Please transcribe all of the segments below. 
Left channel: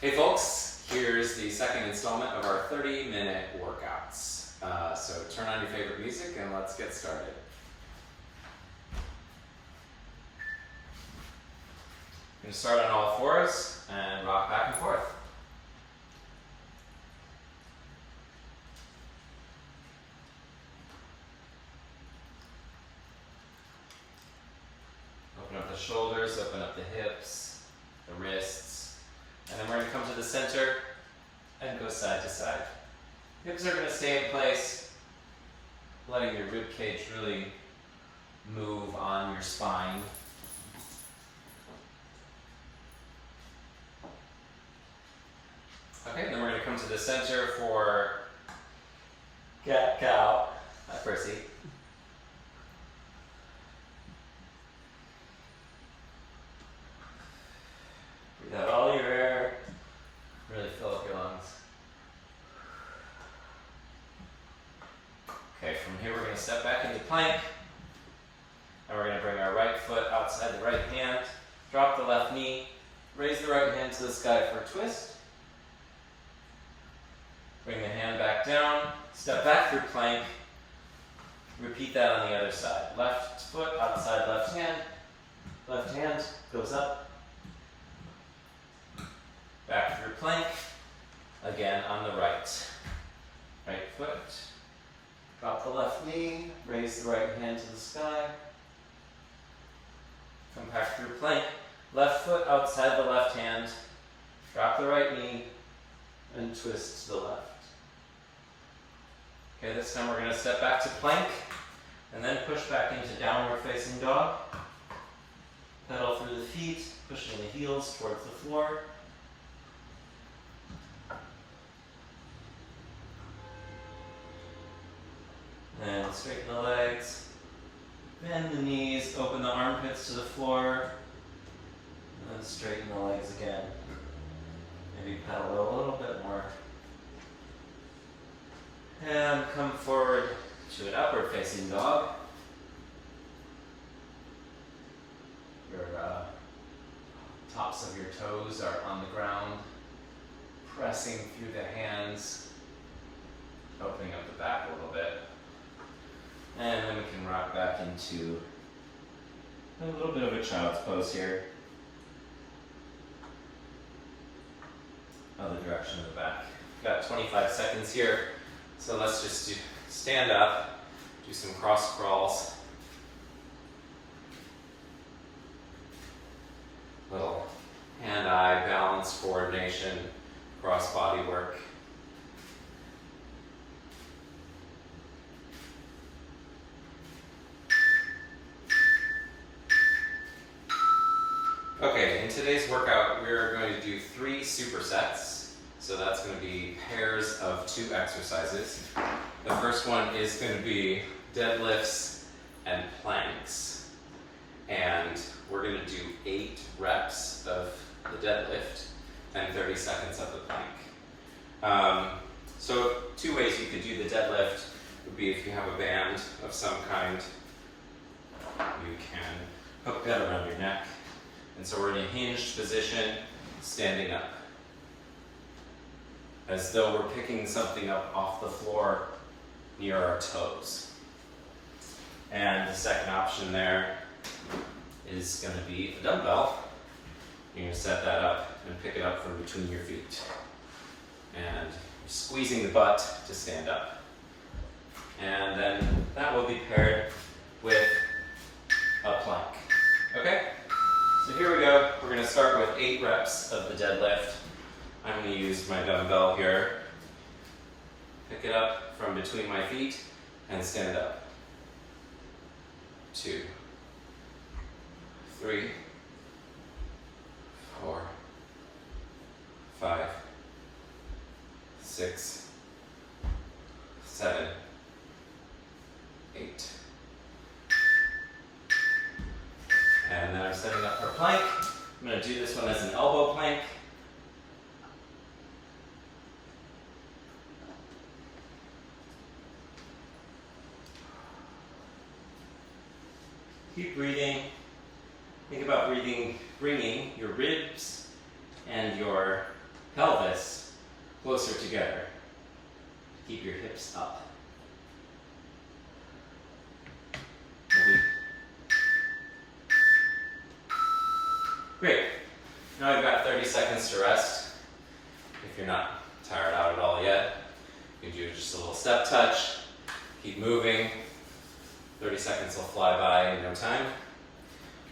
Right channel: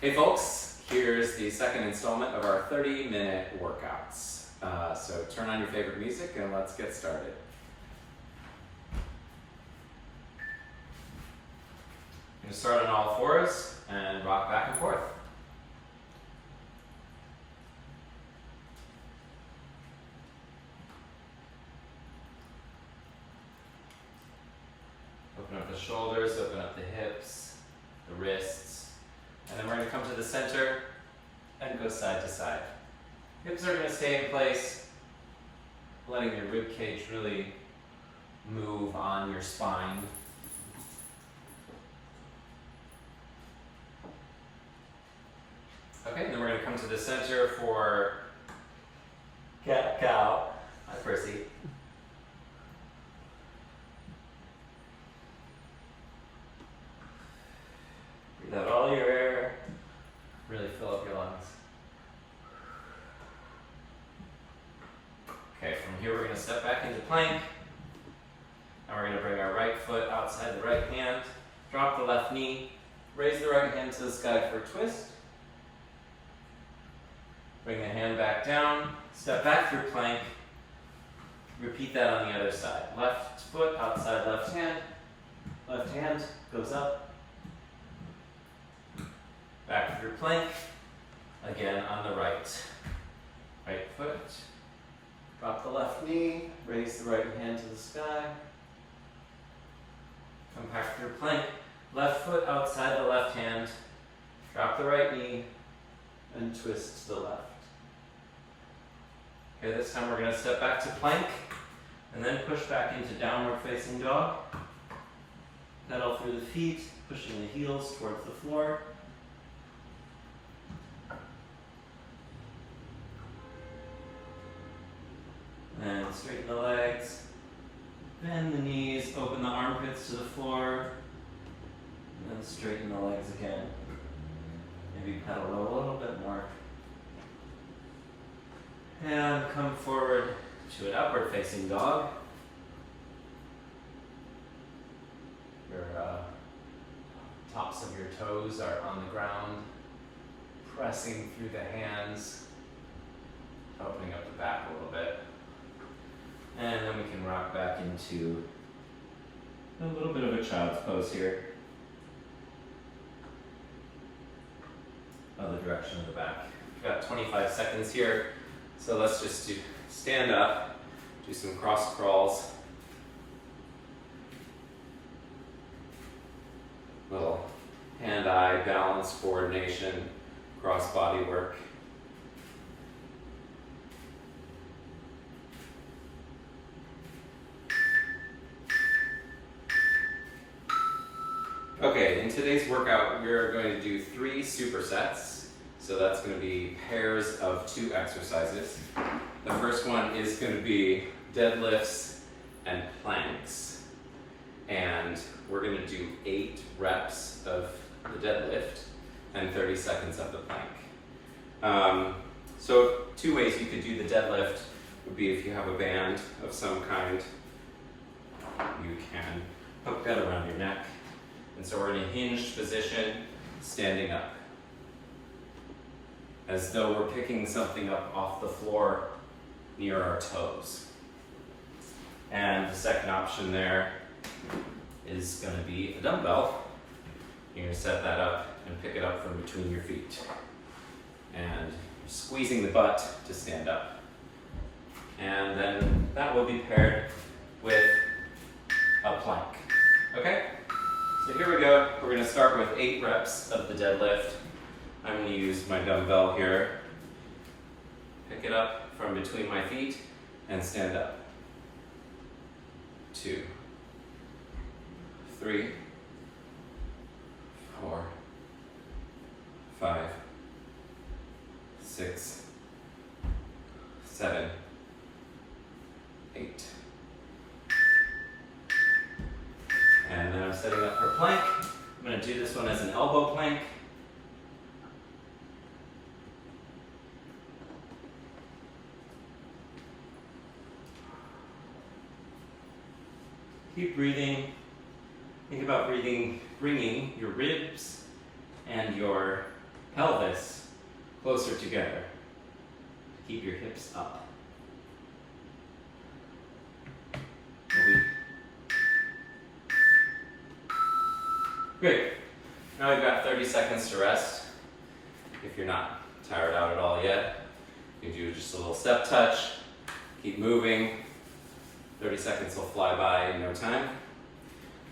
Hey folks, here's the second installment of our 30-minute workouts. So turn on your favorite music and let's get started. I'm going to start on all fours and rock back and forth. Open up the shoulders, open up the hips, the wrists. And then we're going to come to the center and go side to side. Hips are going to stay in place, letting your rib cage really move on your spine. Okay, then we're going to come to the center for cat-cow. Hi, Percy. Breathe out all your air. Really fill up your lungs. Okay, from here we're going to step back into plank. And we're going to bring our right foot outside the right hand. Drop the left knee. Raise the right hand to the sky for a twist. Bring the hand back down. Step back through plank. Repeat that on the other side. Left foot outside left hand. Left hand goes up. Back through plank, again on the right. Right foot, drop the left knee, raise the right hand to the sky. Come back through plank, left foot outside the left hand, drop the right knee, and twist to the left. Okay, this time we're going to step back to plank, and then push back into downward facing dog. Pedal through the feet, pushing the heels towards the floor. And straighten the legs, bend the knees, open the armpits to the floor, and then straighten the legs again. Maybe pedal a little bit more. And come forward to an upward facing dog. Your tops of your toes are on the ground, pressing through the hands, opening up the back a little bit. And then we can rock back into a little bit of a child's pose here. Other direction of the back. We've got 25 seconds here, so let's just stand up, do some cross crawls. Little hand-eye balance coordination, cross body work. Okay, in today's workout, we're going to do 3 supersets. So that's going to be pairs of 2 exercises. The first one is going to be deadlifts and planks. And we're going to do 8 reps of the deadlift and 30 seconds of the plank. So 2 ways you could do the deadlift would be if you have a band of some kind, you can hook that around your neck. And so we're in a hinged position, standing up, as though we're picking something up off the floor near our toes. And the second option there is going to be a dumbbell. You're going to set that up and pick it up from between your feet. And you're squeezing the butt to stand up. And then that will be paired with a plank. Okay? So here we go. We're going to start with 8 reps of the deadlift. I'm going to use my dumbbell here. Pick it up from between my feet and stand up. 2, 3, 4, 5, 6, 7, 8. And then I'm setting up for plank. I'm going to do this one as an elbow plank. Keep breathing. Think about bringing your ribs and your pelvis closer together. Keep your hips up. Great. Now we've got 30 seconds to rest. If you're not tired out at all yet, you can do just a little step touch. Keep moving. 30 seconds will fly by in no time.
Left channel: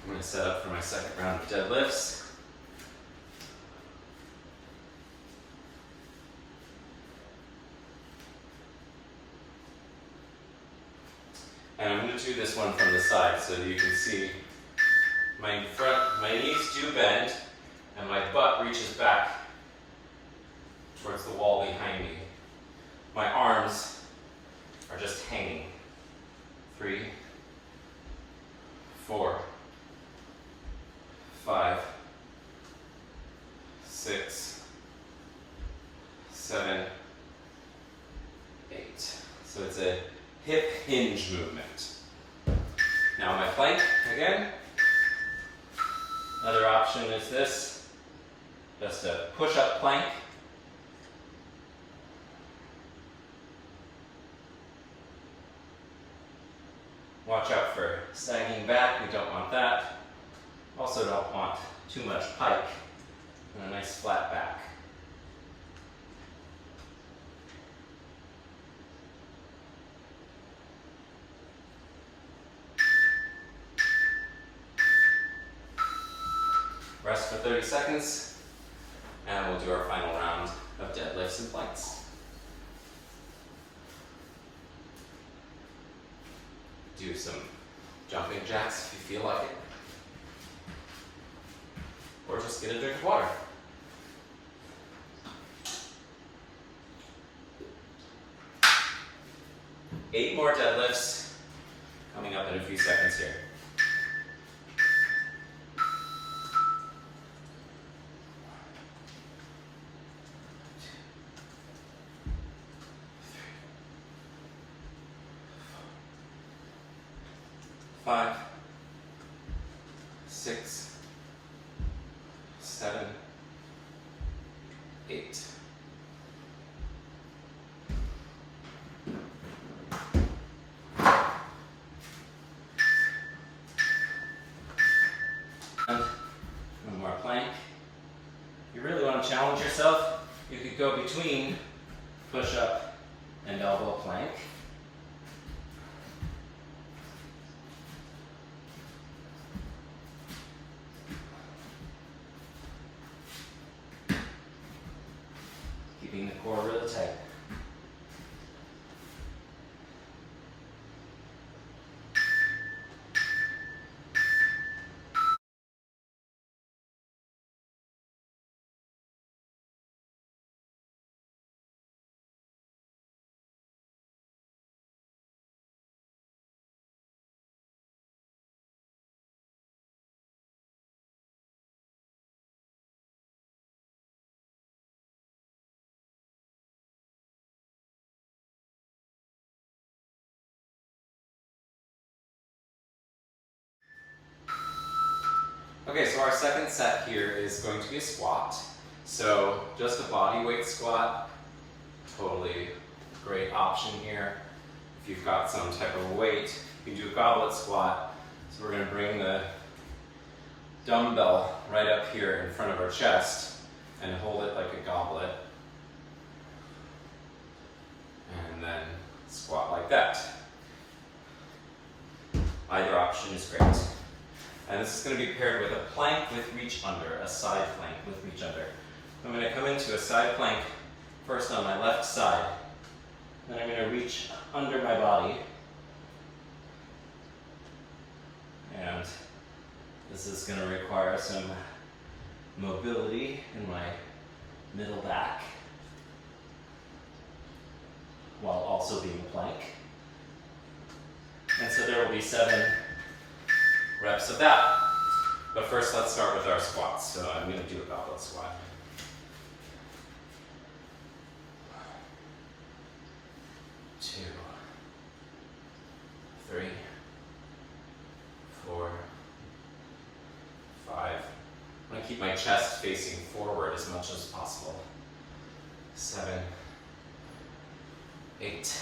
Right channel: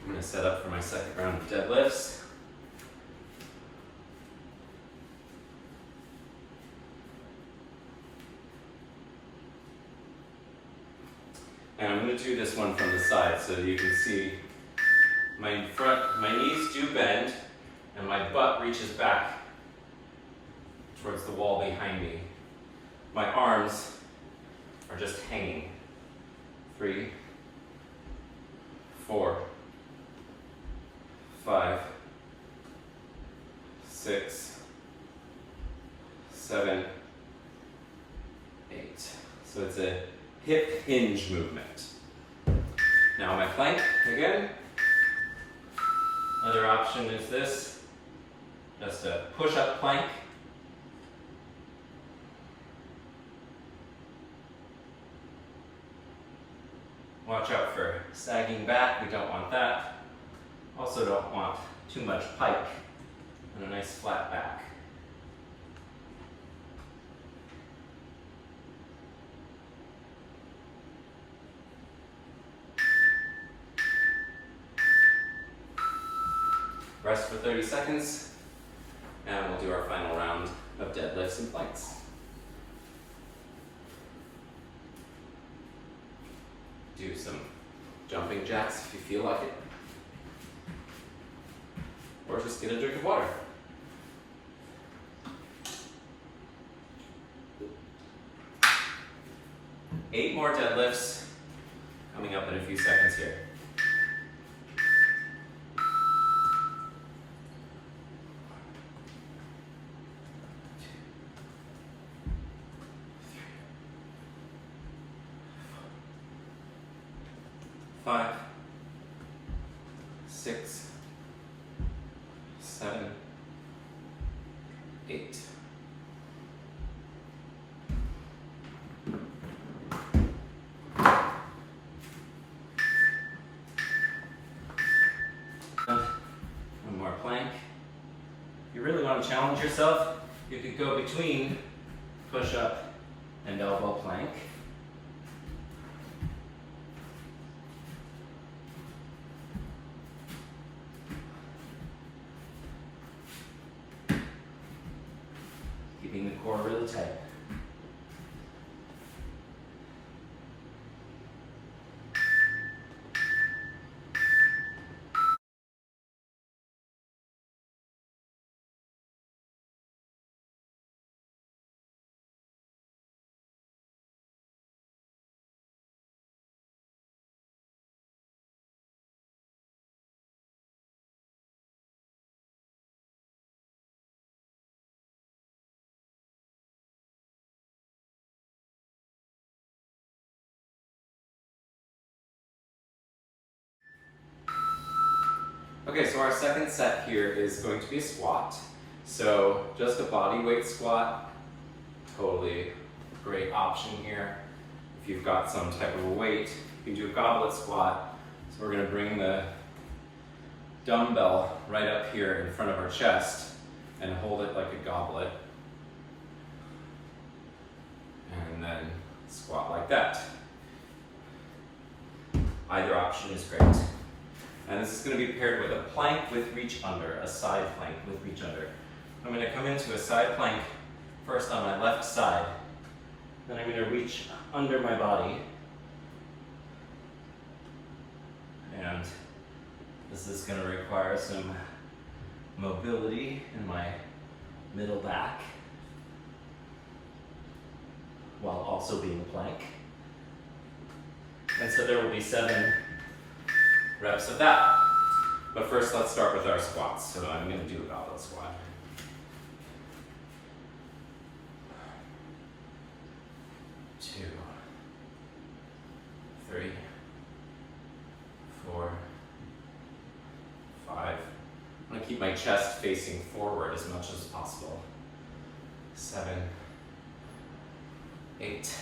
I'm going to set up for my second round of deadlifts. And I'm going to do this one from the side so that you can see my knees do bend and my butt reaches back towards the wall behind me. My arms are just hanging. 3, 4, 5, 6, 7, 8. So it's a hip hinge movement. Now my plank again. Another option is this, just a push-up plank. Watch out for sagging back, we don't want that. Also don't want too much pike and a nice flat back. Rest for 30 seconds, and we'll do our final round of deadlifts and planks. Do some jumping jacks if you feel like it. Or just get a drink of water. Eight more deadlifts coming up in a few seconds here. 5, 6, 7, 8. One more plank. If you really want to challenge yourself, you could go between push-up and elbow plank. Keeping the core really tight. Okay, so our second set here is going to be a squat. So just a body weight squat, totally great option here. If you've got some type of weight, you can do a goblet squat. So we're gonna bring the dumbbell right up here in front of our chest and hold it like a goblet. And then squat like that. Either option is great. And this is going to be paired with a plank with reach under, a side plank with reach under. I'm going to come into a side plank first on my left side. Then I'm going to reach under my body. And this is going to require some mobility in my middle back, while also being a plank. And so there will be 7 reps of that. But first let's start with our squats. So I'm going to do a goblet squat. Two, 3, 4, 5. I'm going to keep my chest facing forward as much as possible. 7, 8.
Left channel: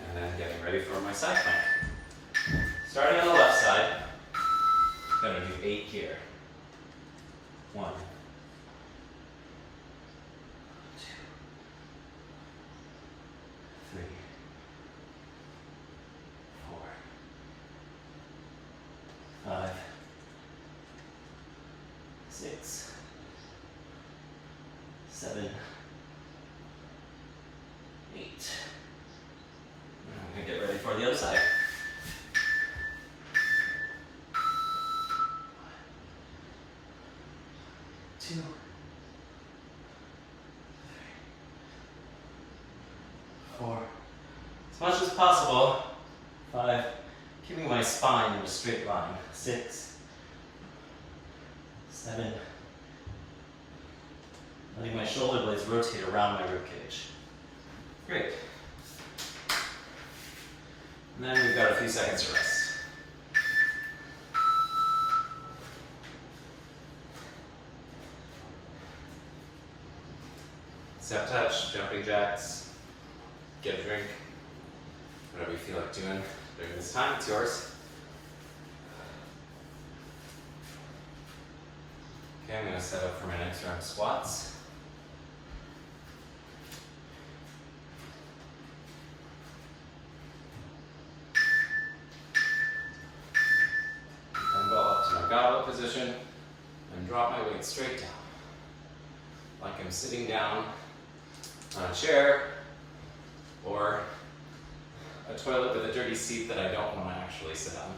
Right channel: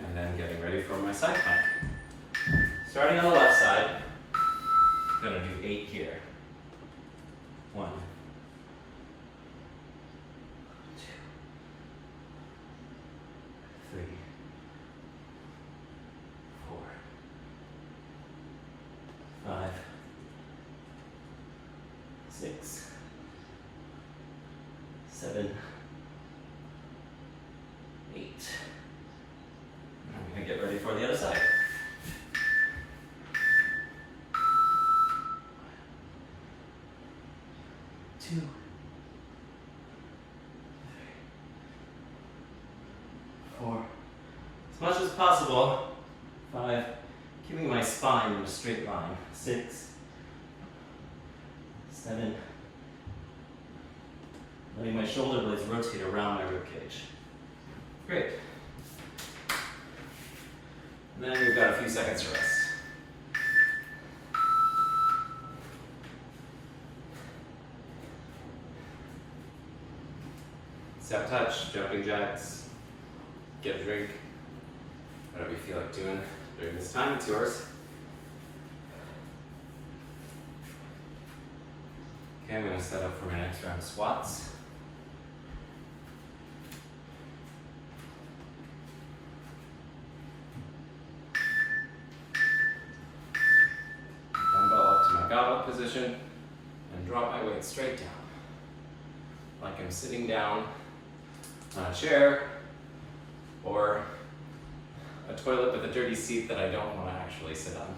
And then getting ready for my side plank. Starting on the left side, gonna do 8 here. 1, 2, 3, 4, 5, 6, 7, 8. I'm going to get ready for the other side. 2, 3, 4. As much as possible. 5. Keeping my spine in a straight line. 6, 7. Letting my shoulder blades rotate around my ribcage. Great. And then we've got a few seconds to rest. Step touch, jumping jacks, get a drink, whatever you feel like doing during this time, it's yours. Okay, I'm going to set up for my next round of squats. Dumbbell up to my goblet position and drop my weight straight down. Like I'm sitting down on a chair or a toilet with a dirty seat that I don't want to actually sit on.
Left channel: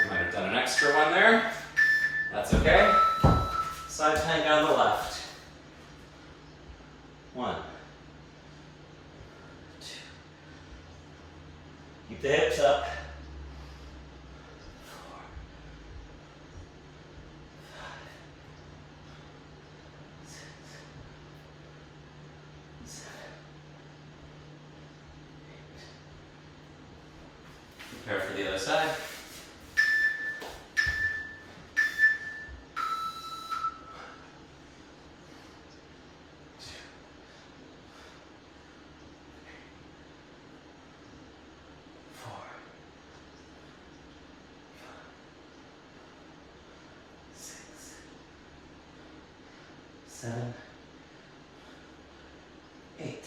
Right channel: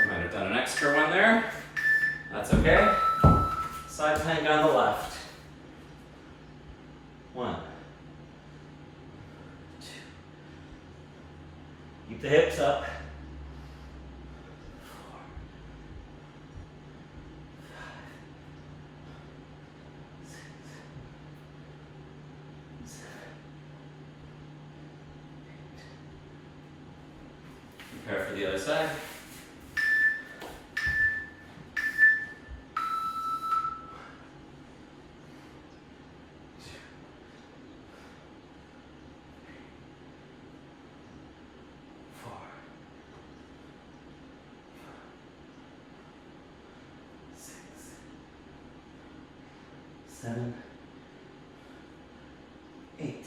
I might have done an extra one there. That's okay. Side plank on the left. 1, 2. Keep the hips up. 4, 5, 6, 7, 8. Prepare for the other side. 7, 8.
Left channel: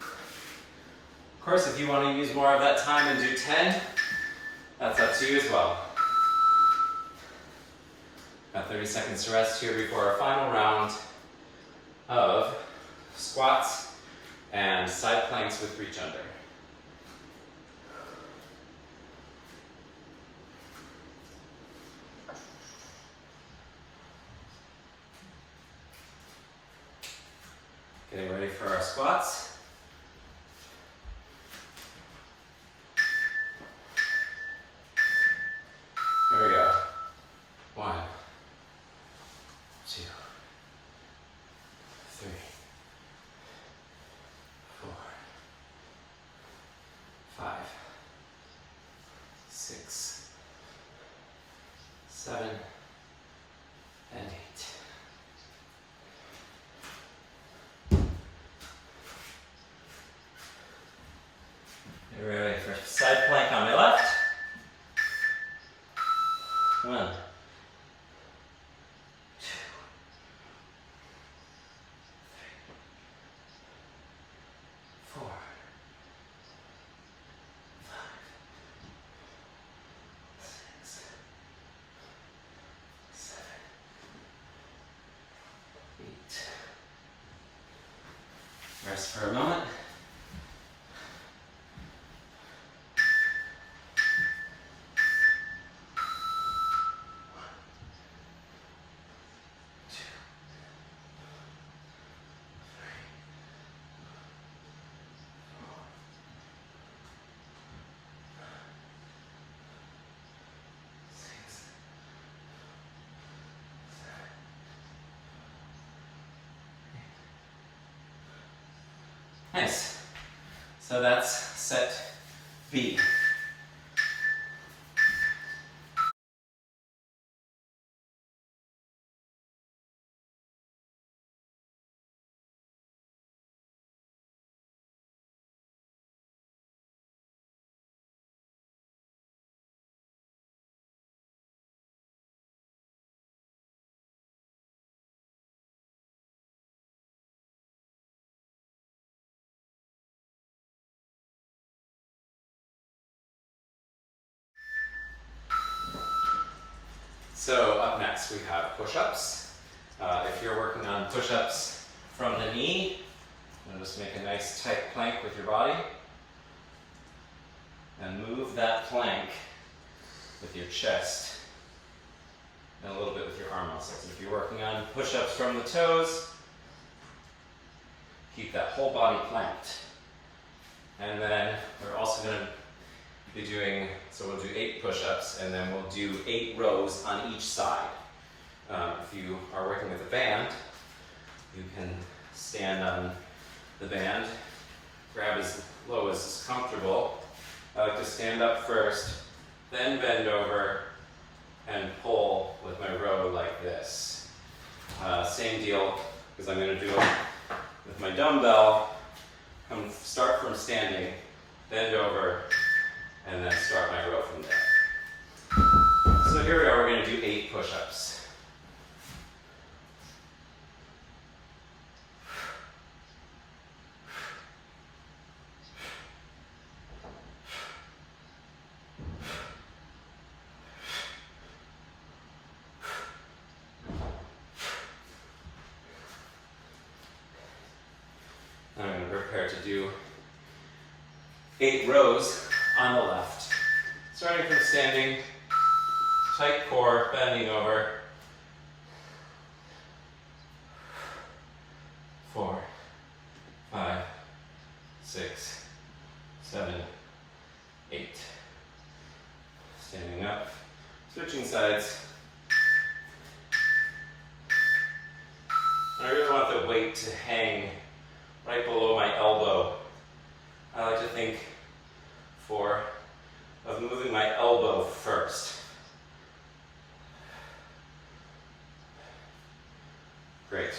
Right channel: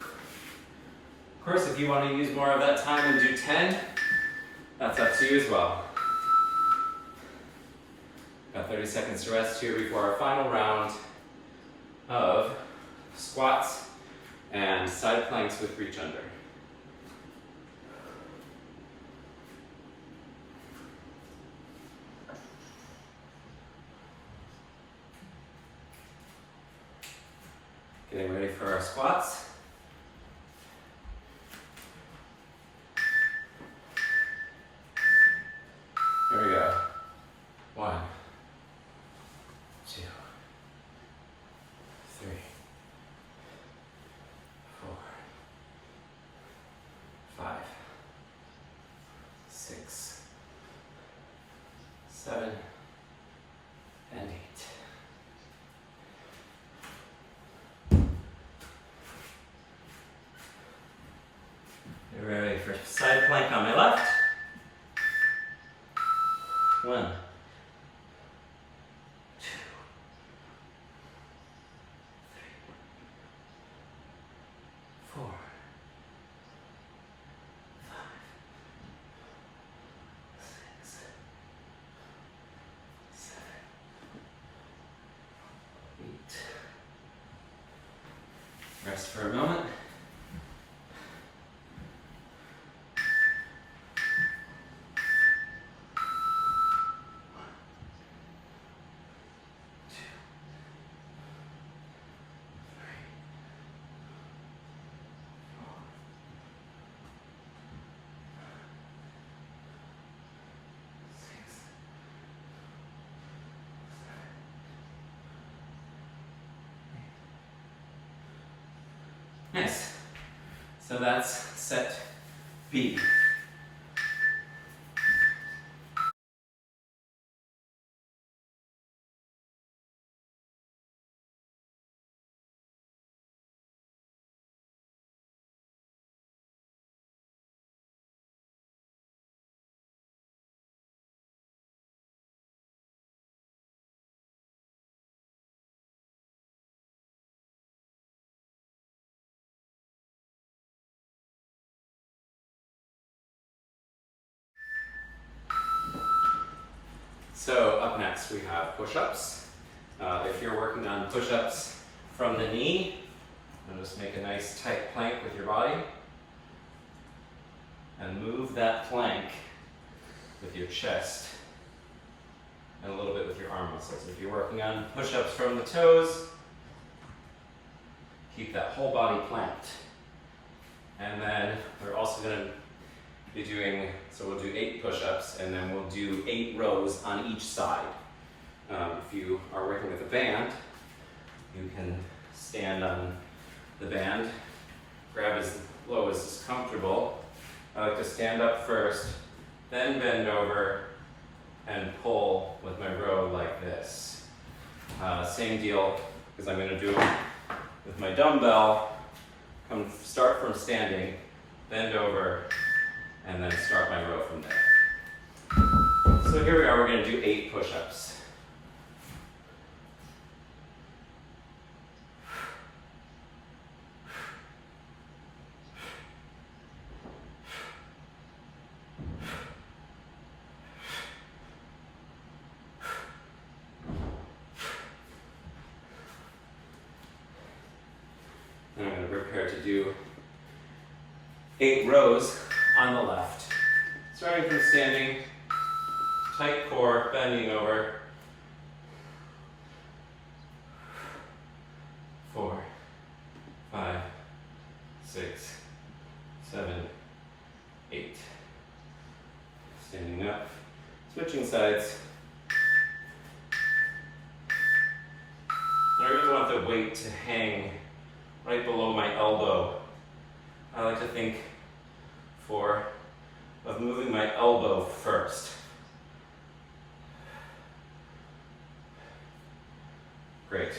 Of course, if you want to use more of that time and do 10, that's up to you as well. Got 30 seconds to rest here before our final round of squats and side planks with reach under. Getting ready for our squats. Here we go. 1, 2, 3, 4, 5, 6, 7, and 8. Get ready for side plank on my left. 1, 2, 3, 4, 5, 6, 7, 8. Rest for a moment. 1, 2, Nice. So that's set B. So up next we have push-ups. If you're working on push-ups from the knee, just make a nice tight plank with your body and move that plank with your chest and a little bit with your arm muscles. If you're working on push-ups from the toes, keep that whole body planked. And then we're also going to be doing, so we'll do 8 push-ups and then we'll do 8 rows on each side. If you are working with a band, you can stand on the band, grab as low as is comfortable. I like to stand up first, then bend over and pull with my row like this. Same deal, because I'm going to do it with my dumbbell. Start from standing, bend over, and then start my row from there. So here we are, we're going to do 8 push-ups. I'm going to prepare to do 8 rows on the left. Starting from standing, tight core, bending over. 4, 5, 6, 7, 8. Standing up, switching sides. And I really want the weight to hang right below my elbow. I like to think of moving my elbow first. Great.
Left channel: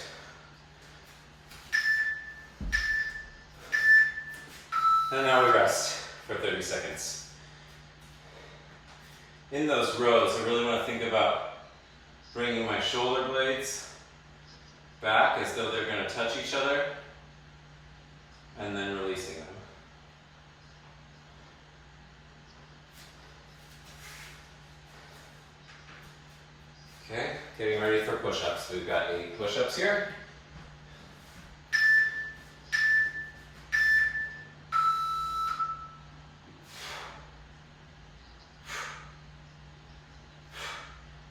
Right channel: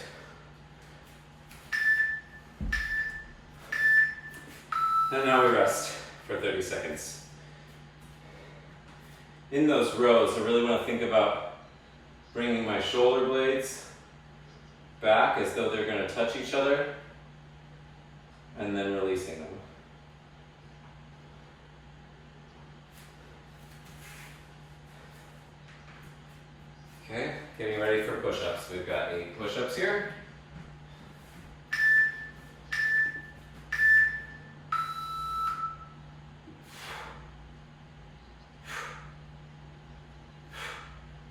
And now we rest for 30 seconds. In those rows, I really want to think about bringing my shoulder blades back as though they're going to touch each other, and then releasing them. Okay, getting ready for push-ups. We've got 8 push-ups here.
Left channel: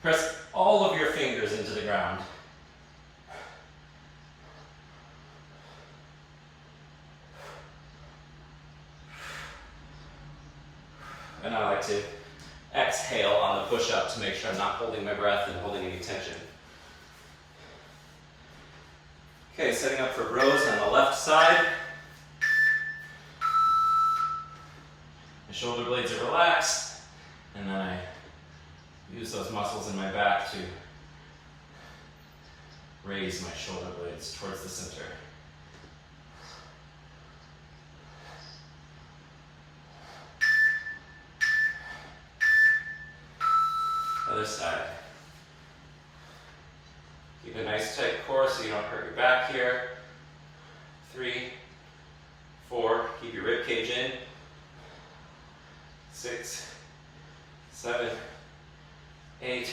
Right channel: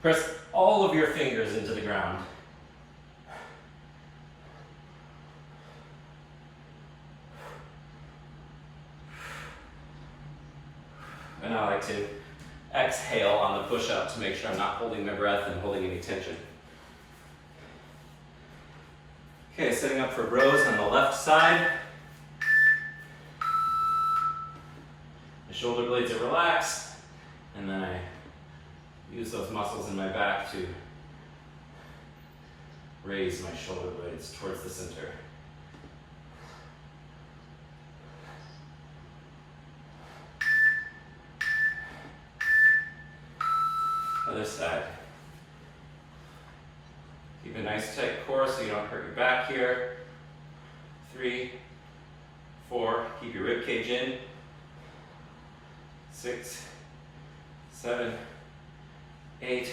Press all of your fingers into the ground. And I like to exhale on the push-up to make sure I'm not holding my breath and holding any tension. Okay, setting up for rows on the left side. My shoulder blades are relaxed, and then I use those muscles in my back to raise my shoulder blades towards the center. Other side. Keep a nice tight core so you don't hurt your back here. 3, 4, keep your rib cage in. 6, 7, 8,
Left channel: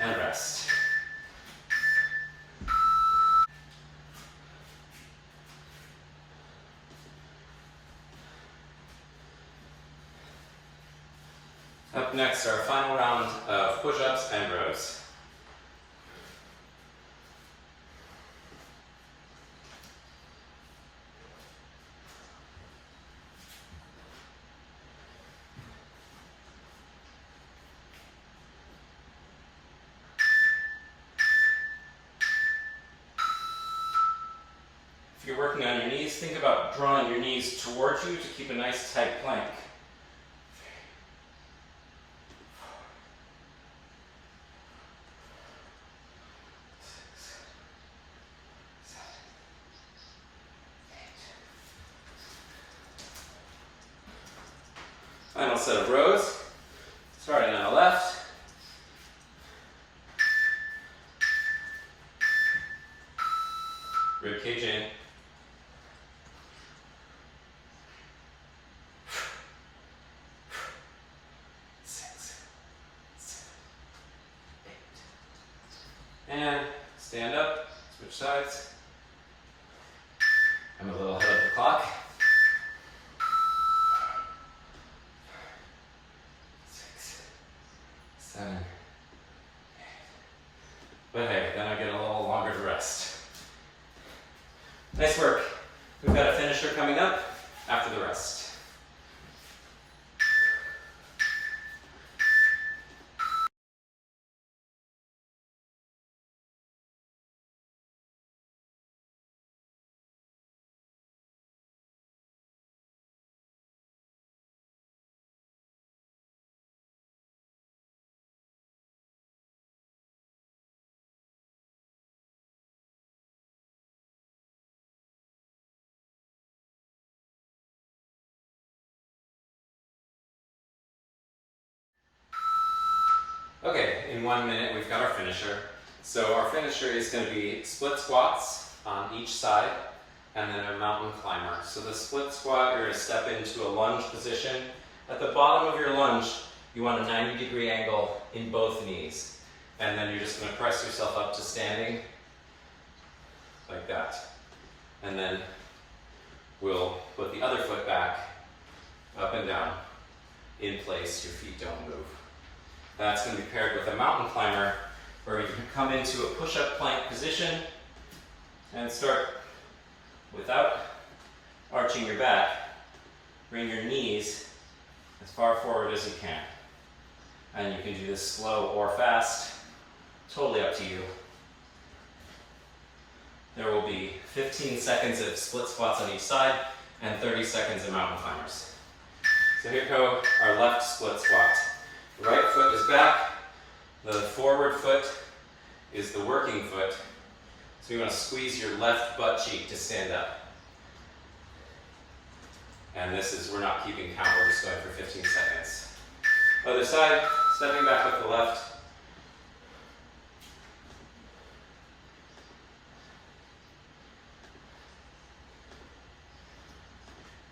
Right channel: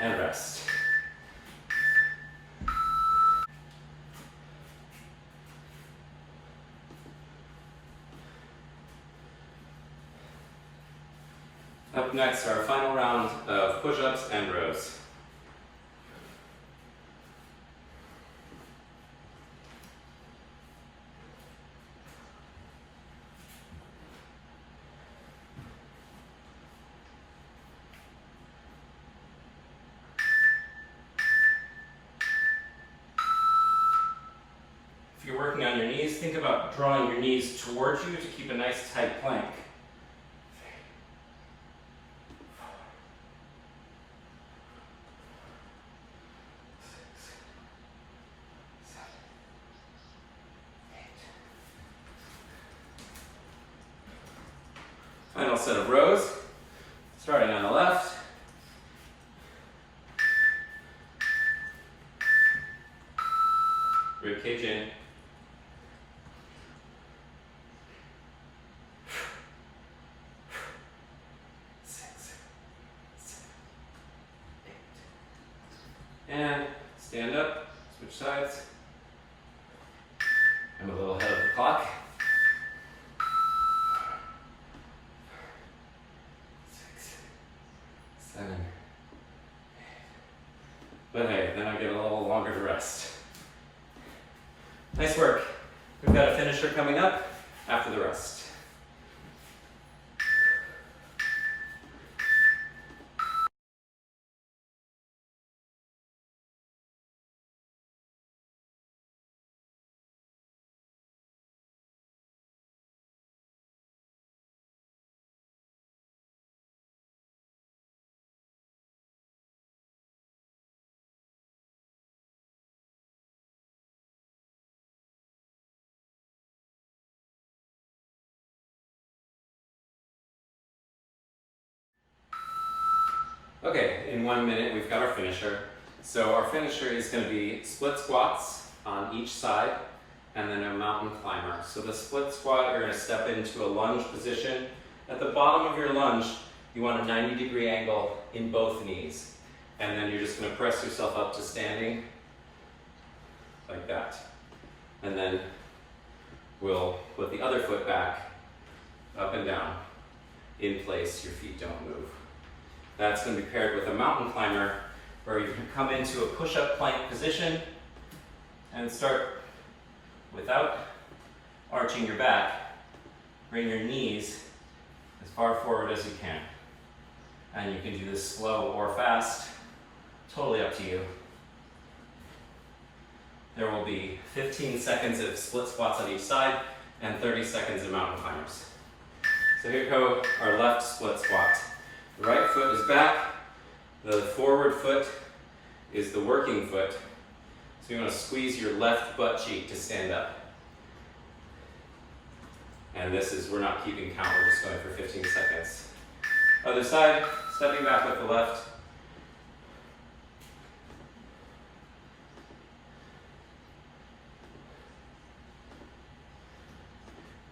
and rest. Up next, our final round of push-ups and rows. If you're working on your knees, think about drawing your knees towards you to keep a nice tight plank. 3, 4, 5, 6, 7, 8. Final set of rows, starting on the left. Rib cage in. 6, 7, 8. And stand up, switch sides. I'm a little ahead of the clock. 6, 7, 8. But hey, then I get a little longer to rest. Nice work. We've got a finisher coming up after the rest. Okay, in 1 minute we've got our finisher. So our finisher is going to be split squats on each side and then a mountain climber. So the split squat, you're going to step into a lunge position. At the bottom of your lunge, you want a 90-degree angle in both knees. And then you're just going to press yourself up to standing like that. And then we'll put the other foot back, up and down, in place, your feet don't move. That's going to be paired with a mountain climber where you can come into a push-up plank position and start without arching your back. Bring your knees as far forward as you can. And you can do this slow or fast, totally up to you. There will be 15 seconds of split squats on each side and 30 seconds of mountain climbers. So here go our left split squat. The right foot is back, the forward foot is the working foot. So you want to squeeze your left butt cheek to stand up. And this is, we're not keeping count, we're just going for 15 seconds. Other side, stepping back with the left.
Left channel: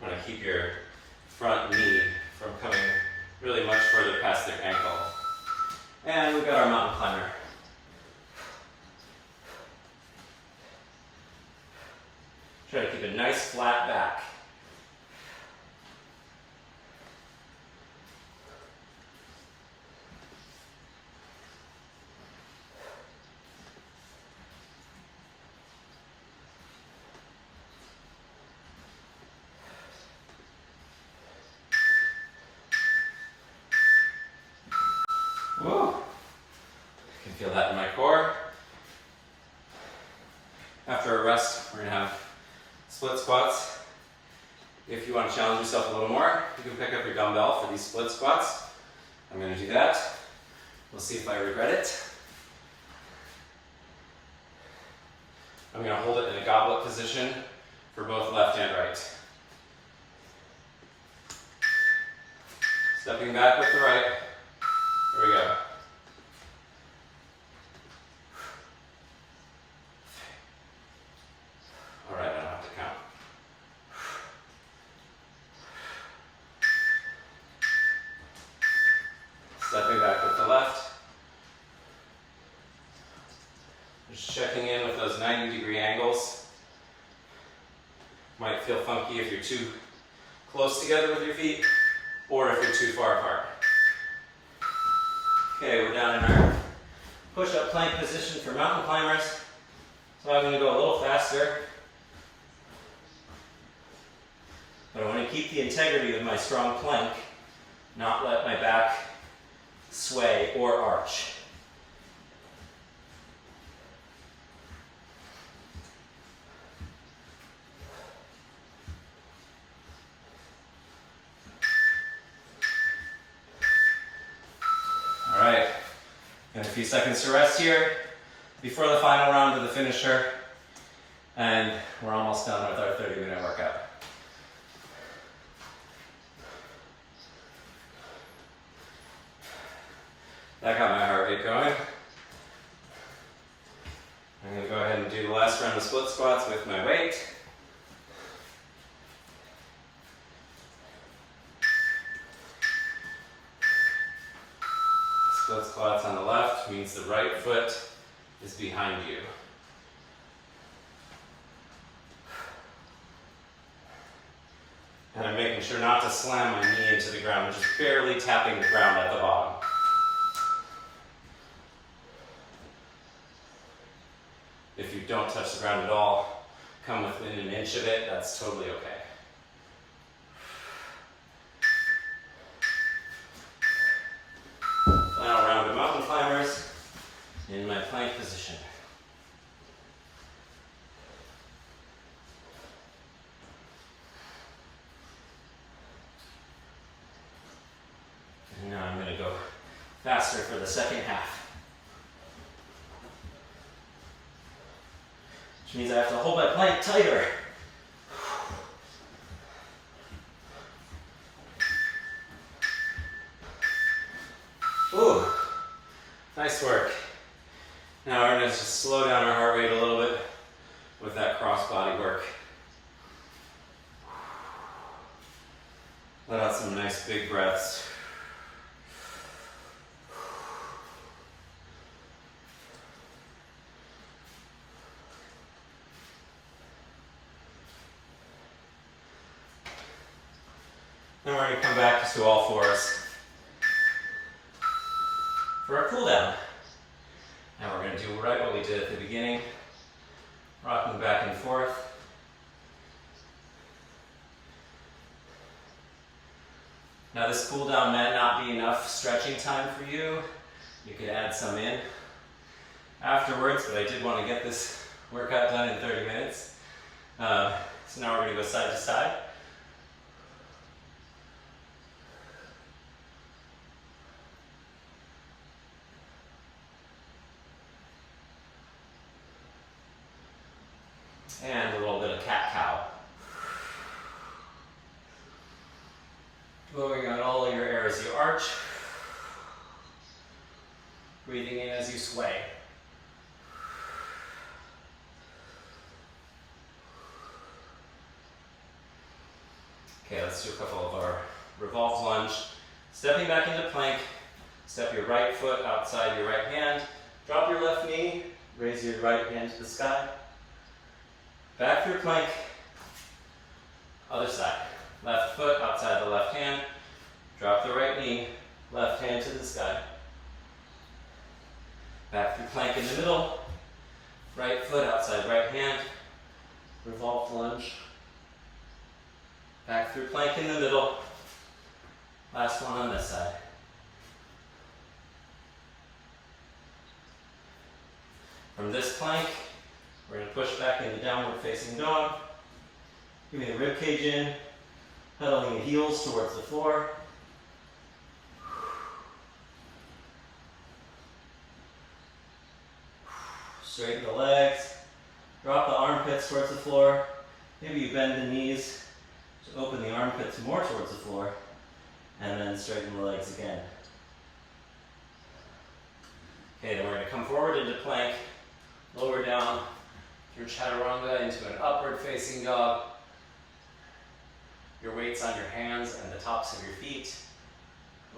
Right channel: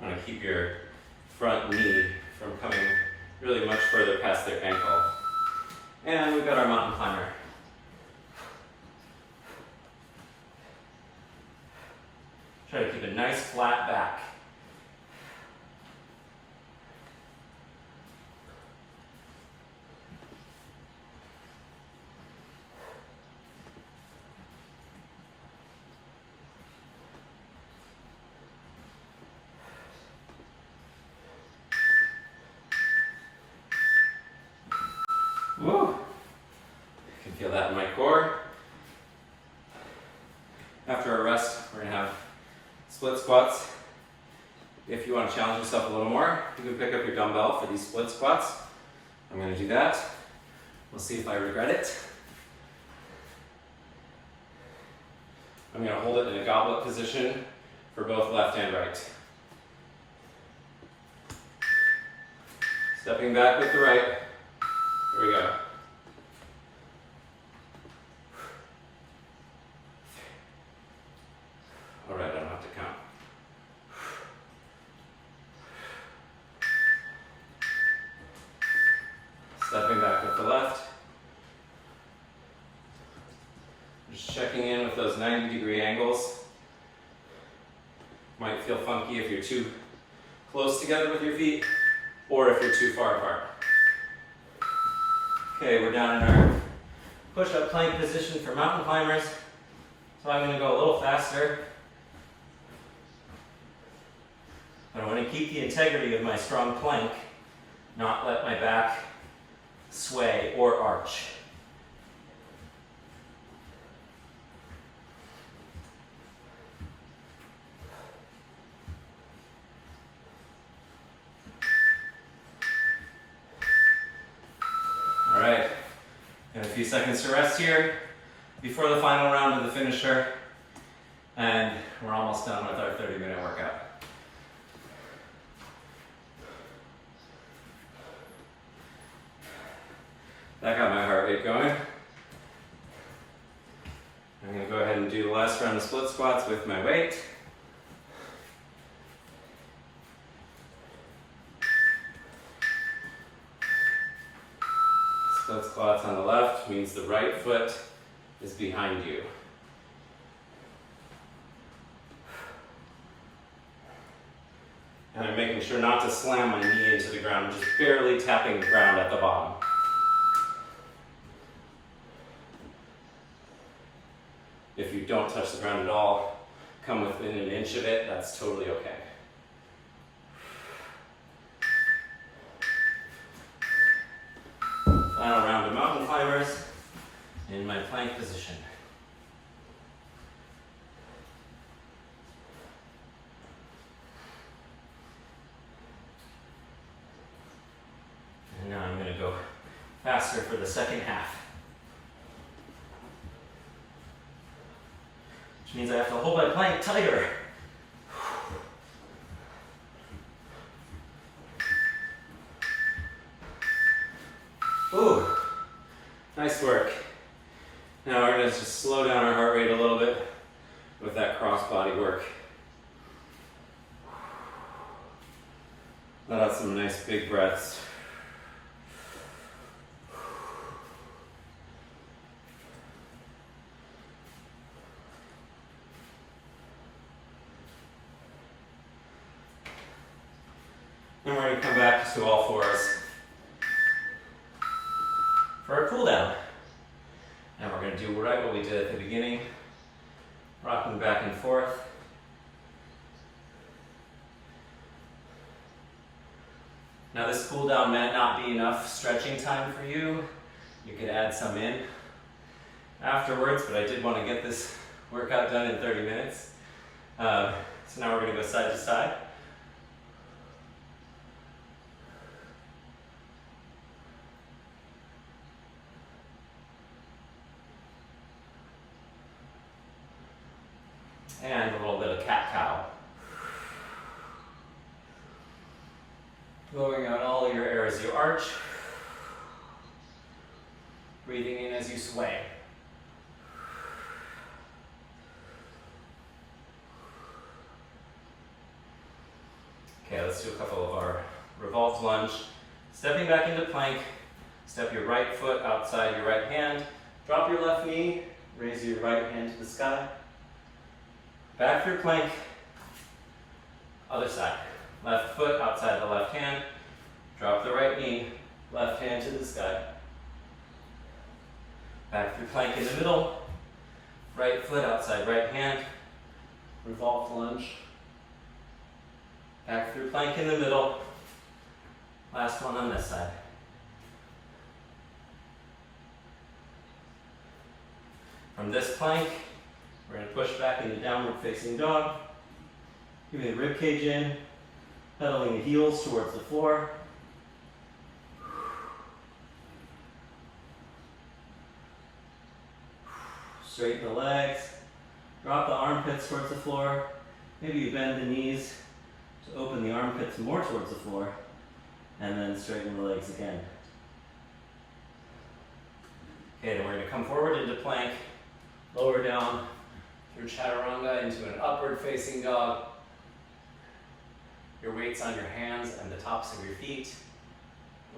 I want to keep your front knee from coming really much further past their ankle. And we've got our mountain climber. Try to keep a nice flat back. Woo! I can feel that in my core. After a rest, we're going to have split squats. If you want to challenge yourself a little more, you can pick up your dumbbell for these split squats. I'm going to do that. We'll see if I regret it. I'm going to hold it in a goblet position for both left and right. Stepping back with the right. Here we go. All right, I don't have to count. Stepping back with the left. Just checking in with those 90-degree angles. Might feel funky if you're too close together with your feet or if you're too far apart. Okay, we're down in our push-up plank position for mountain climbers. So I'm going to go a little faster. I want to keep the integrity of my strong plank, not let my back sway or arch. few seconds to rest here before the final round of the finisher. And we're almost done with our 30-minute workout. That got my heart rate going. I'm going to go ahead and do the last round of split squats with my weight. Split squats on the left means the right foot is behind you. And I'm making sure not to slam my knee into the ground, I'm just barely tapping the ground at the bottom. If you don't touch the ground at all, come within an inch of it, that's totally okay. Final round of mountain climbers in my plank position. And now I'm going to go faster for the second half. Which means I have to hold my plank tighter. Ooh, nice work. Now we're going to just slow down our heart rate a little bit with that cross body work. Let out some nice big breaths. And we're going to come back to all fours for our cool down. And we're going to do right what we did at the beginning, rocking back and forth. Now this cool down might not be enough stretching time for you. You could add some in afterwards, but I did want to get this workout done in 30 minutes. So now we're going to go side to side. And a little bit of cat-cow. Blowing out all your air as you arch. Breathing in as you sway. Okay, let's do a couple of our revolved lunge. Stepping back into plank, step your right foot outside your right hand, drop your left knee, raise your right hand to the sky. Back through plank, other side. Left foot outside the left hand, drop the right knee, left hand to the sky. Back through plank in the middle, right foot outside right hand, revolved lunge. Back through plank in the middle, last one on this side. From this plank, we're going to push back into downward facing dog. Give me the rib cage in, pedaling the heels towards the floor. Straighten the legs, drop the armpits towards the floor. Maybe you bend the knees to open the armpits more towards the floor, and then straighten the legs again. Okay, then we're going to come forward into plank, lower down through chaturanga into an upward facing dog. Your weight's on your hands and the tops of your feet,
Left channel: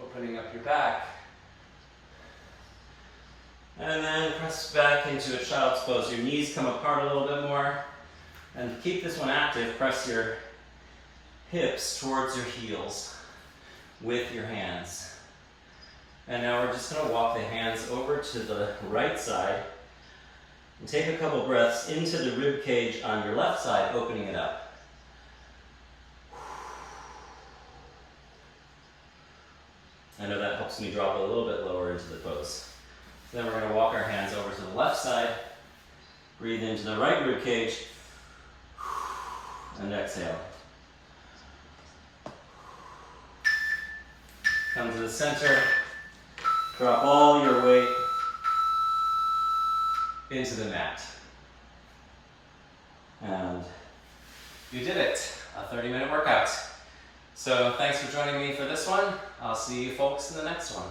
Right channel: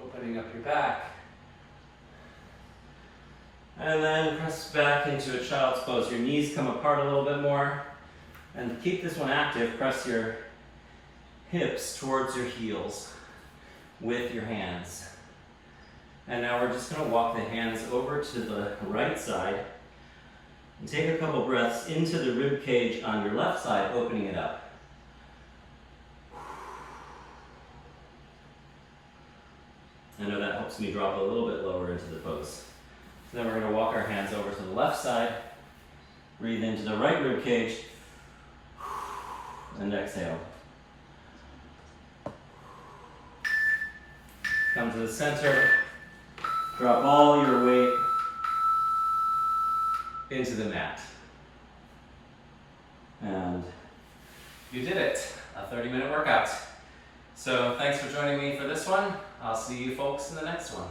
opening up your back. And then press back into a child's pose. Your knees come apart a little bit more. And to keep this one active, press your hips towards your heels with your hands. And now we're just going to walk the hands over to the right side and take a couple breaths into the rib cage on your left side, opening it up. I know that helps me drop a little bit lower into the pose. Then we're going to walk our hands over to the left side, breathe into the right rib cage, and exhale. Come to the center, drop all your weight into the mat. And you did it, a 30-minute workout. So thanks for joining me for this one. I'll see you folks in the next one.